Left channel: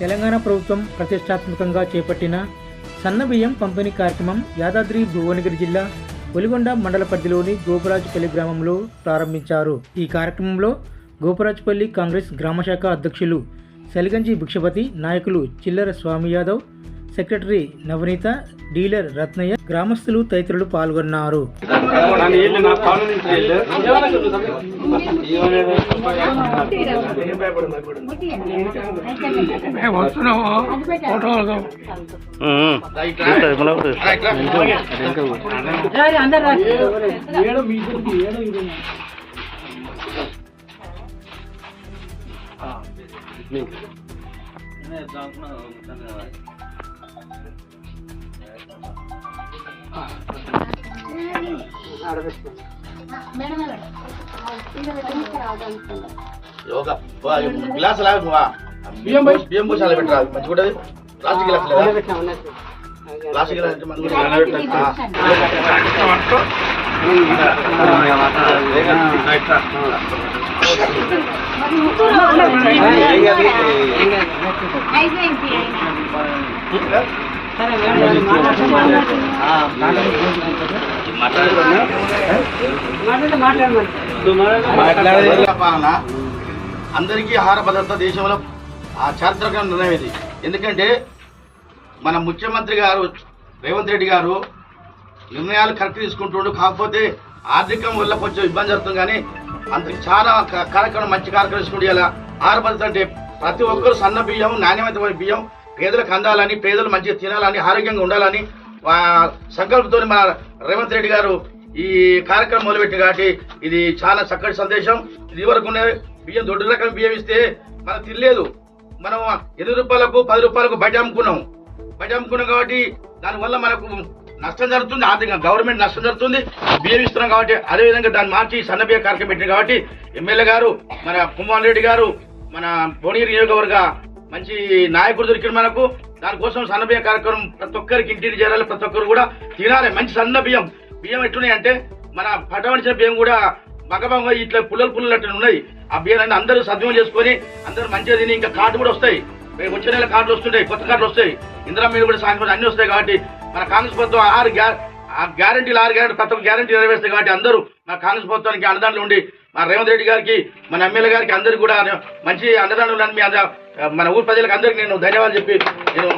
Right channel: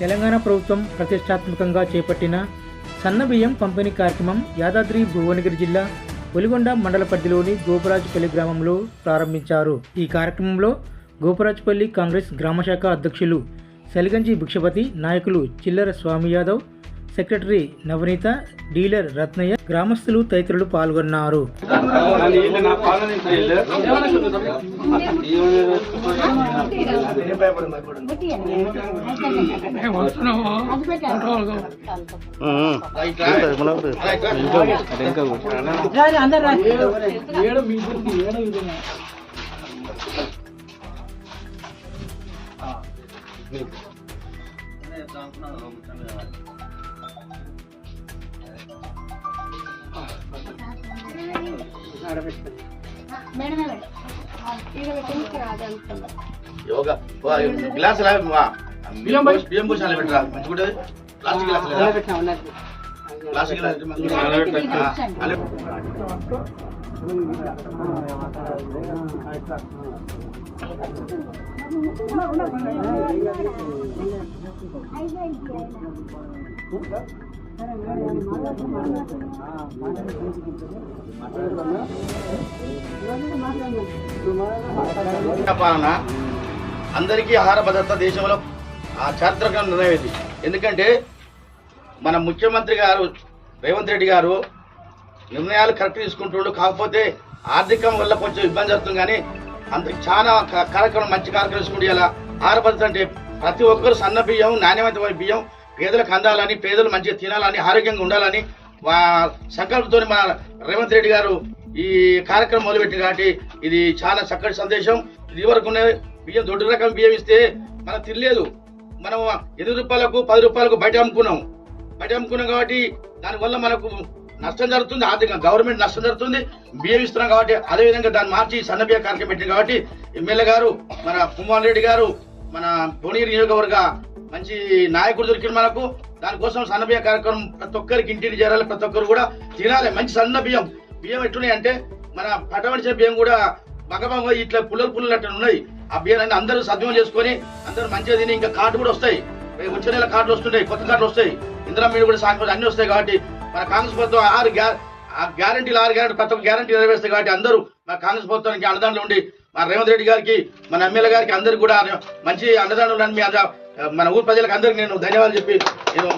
తెలంగాణ ప్రభుత్వం ప్రతిష్టాత్మకంగా చేపట్టిన సన్నబియ్యం పంపిణీ కార్యక్రమం యాదాద్రి భువనగిరి జిల్లా ఒలిగొండ మండల పరిధిలోని గోపరాజుపల్లి గ్రామంలో ప్రారంభించారు. ఈ కార్యక్రమంలో గోపరాజుపల్లి కాంగ్రెస్ గ్రామశాఖ అధ్యక్షులు సలిగంజి భిక్షపతి నాయకులు చిల్లర స్వామి యాదవ్ సెక్రటరీ నవనీత డీలర్ రత్నయ్య గ్రామస్తులు తదితరులు పాల్గొన్నారు యోగా గ్లాస్ లాగా బియ్యం బియ్యం పోసాలి పెట్టరా మంచిగా ఉంటుంది ప్లాస్టిక్ గ్లాస్ లేదా ప్లాస్టిక్ గ్లాస్ అయితే మంచిగా పాలన అందరికీ ఆహార భద్రత దేశంలో ఆ చారిత్రక నిర్ణయం ఇది. ఎందుకంటే మన ముఖ్యమంత్రి గారు రేవంత్ రెడ్డి గారు నిర్ణయాలు కరెక్ట్ తీసుకుంటుండు. కాకపోతే ఆర్థికం వల్ల కొంచెం ఇబ్బంది జరుగుతుంది కానీ అందరికి చాలా కార్యక్రమం మంచి కార్యక్రమం తీసుకుంటే ఇలా ఆహార భద్రత అంటే ప్రతి ఒక్కరు సన్న బియ్యం నాణ్యమైన బియ్యం పేదలకు అందాలని పేదలు మంచిగా తినాలని ఆరోగ్యంగా ఉండాలని సంకల్పంతో మన రేవంత్ రెడ్డి గారు ఈ కార్యక్రమం మొదలుపెట్టింది కాబట్టి ఇది చాలా చక్కటి సందేశం. ఇది వరకు బియ్యం దొడ్డు రకం బియ్యం ఇస్తే మనం తినలేదు. మనం ఎనిమిది రూపాయలకు పది రూపాయలకు బయట అమ్ముకున్నాం. బయట అమ్ముకున్నాం కాబట్టి దానివల్ల మనకు నష్టం జరుగుతుంది. ఆర్థికంగా గవర్నమెంట్ నష్టం జరుగుతుంది. బియ్యం ఇస్తున్నాం కాబట్టి అదే విధంగా దాన్ని మార్చి సన్న కార్యక్రమం పెట్టింది కాబట్టి ఎమ్మెల్యే గారు మన కుమార్ రెడ్డి గారు మన భువనగిరి నియోజకవర్గ మంచి నాయకుడు దొరికిన మనకు. దానికోసం సన్నబియ్య కార్యక్రమం ప్రతి ఒక్కరికి ఇంటికి చేరాలి ప్రతి ఒక్కరు కూడా తినాలి. మంచి సన్న బియ్యం. బియ్యం ఎట్లున్నాయి అంటే మన పట్టవలసిన బియ్యం కూడా మగభంగ ఇట్లా పుల్లలు పుల్లలు అట్లా ఉన్నాయి. ఆ బియ్యాన్ని అందరూ సద్వినియోగం చేసుకొని అందరూ మంచిగా తిని ఇంకా కార్డు కూడా వస్తాయి. రేపు వచ్చే నెల కార్డులు వస్తుంటాయి కొత్త కార్డులు వస్తాయి. ఇందిరా మీద కూడా సాయంత్రం అన్ని వస్తాయి కాబట్టి మన కాంగ్రెస్ ప్రభుత్వం ఆరు గ్యా ఆ గ్యారంటీలు ఆరు గ్యారంటీ ప్రతి గ్యారంటీ నెరవేరుస్తాయి కాబట్టి అందరూ మా కాంగ్రెస్ ప్రభుత్వానికి అండదండలు ఉండి మా రేవంత్ రెడ్డి గారికి మన ఎమ్మెల్యే గారికి అందరికి కూడా మంచి అండదండలు మీ మన ఊరు ప్రజలకు అందరికీ నేను ధన్యవాదాలు చెప్పి నేను